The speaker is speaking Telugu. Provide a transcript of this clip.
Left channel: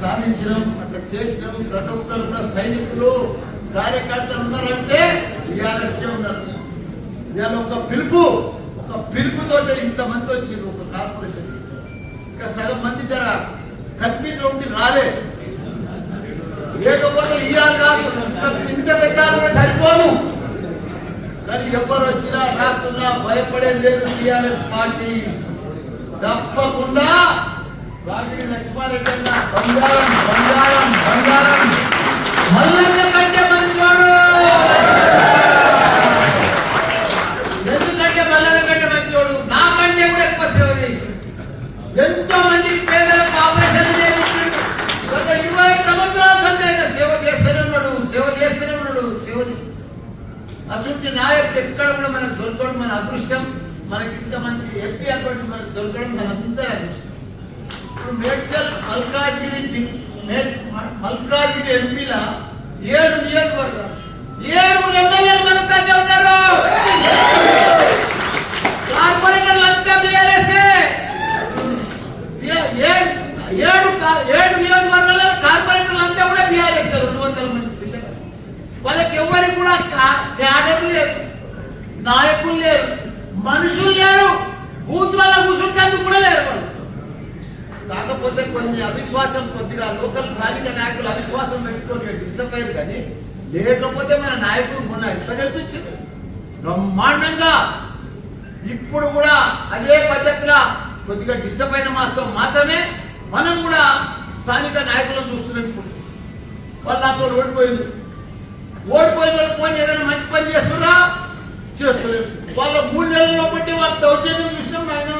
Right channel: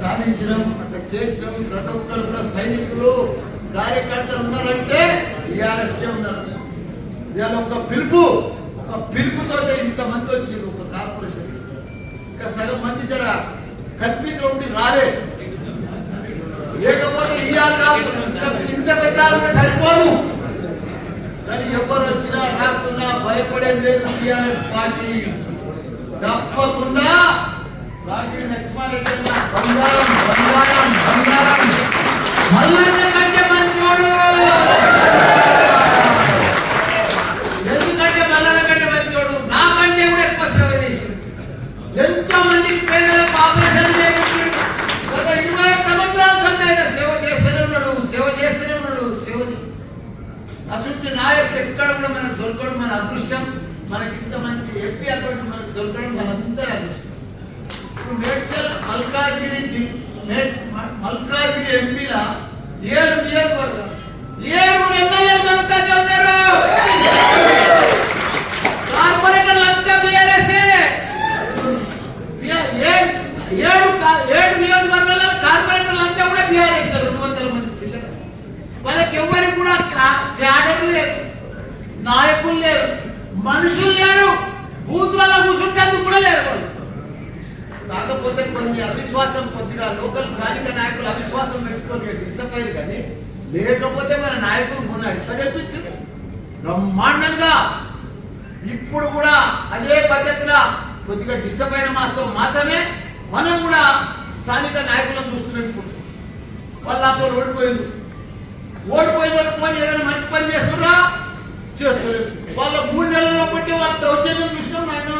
సాధించడం అట్లా చేసినాం. ప్రతి ఒక్కరు సైనికులు కార్యకర్తలు ఉన్నారంటే టీఆర్ఎస్కే ఉన్నారు. ఇవాళ ఒక పిలుపుతో ఇంతమంది వచ్చారు ఒక కార్పొరేషన్. ఇంకా సగం మంది జర కన్ఫ్యూజ్ ఉండి రాలే, లేకపోతే ఇవాళ కాదు ఇంత పెట్టాలంటే సరిపోదు. కానీ ఎవరు వచ్చినా రాకున్నా భయపడేది లేదు. టీఆర్ఎస్ పార్టీ తప్పకుండా రాజీ లక్ష్మారెడ్డి అన్న బంగారం బంగారం బంగారం మల్లన్న కంటే మంచివాడు. ఎందుకంటే మల్లన్న కంటే మంచివాడు, నాకంటే కూడా ఎక్కువ సేవ చేసి ఎంతో మందికి పేదలకు ఆపరేషన్ చేయించాడు. గత 20 సంవత్సరాల సంది ఆయన సేవ చేస్తూనే ఉన్నాడు. అటువంటి నాయకుడు ఎక్కడ కూడా మనకు దొరకడం మన అదృష్టం. మనకి ఇంత మంచి ఎంపీ అక్కడ మనకు దొరకడం మనందరూ అదృష్టం. ఇప్పుడు మేడ్చల్ మల్కాజిగిరి ఎంపీల 7 నియోజకవర్గాలు 7 ఎమ్మెల్యేలు మనతోనే ఉన్నారు. కార్పొరేటర్లు అంతా బీఆర్ఎస్ఏ. 7 నియోజకవర్గాల్లో కార్పొరేటర్లు అంతా కూడా బీఆర్ఎస్. 200 మంది చిల్లర. వాళ్ళకి ఎవరికి కూడా క్యాడర్లు లేరు, నాయకులు లేరు, మనుషులు లేరు, బూత్లలో కూర్చుంటేందుకు కూడా లేరు వాళ్ళు. కాకపోతే కొన్ని అవిశ్వాసం, కొద్దిగా లోకల్ స్థానిక నాయకులు అవిశ్వాసం పెట్టుకోగా డిస్టర్బ్ అయ్యారు. కానీ లేకపోతే మన నాయకులు మొన్న ఎట్లా కల్పించారు బ్రహ్మాండంగా. ఇప్పుడు కూడా అదే పద్ధతిలో కొద్దిగా డిస్టర్బ్ అయిన మాత్రం మాత్రమే మనం కూడా స్థానిక నాయకులను చూస్తున్నట్టు. వాళ్ళు నాతో ఓడిపోయిన వాళ్ళు పోయి ఏదైనా మంచి పని చేస్తున్నా చేస్తలేదు. వాళ్ళ 3 నెలల్లో బట్టి వాళ్ళ దౌర్జన్యం చూసినాం. ఆయన